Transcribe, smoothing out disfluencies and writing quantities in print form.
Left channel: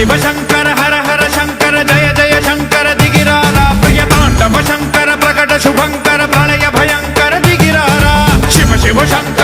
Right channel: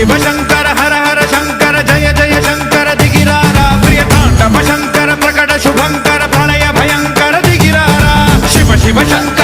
शिव शंकर हर हर शंकर जय जय शंकर दिगिरारा प्रिय तांडव शंकर प्रकट शुभंकर प्रलय भयंकर दिगिरारा शिव शिव शंकर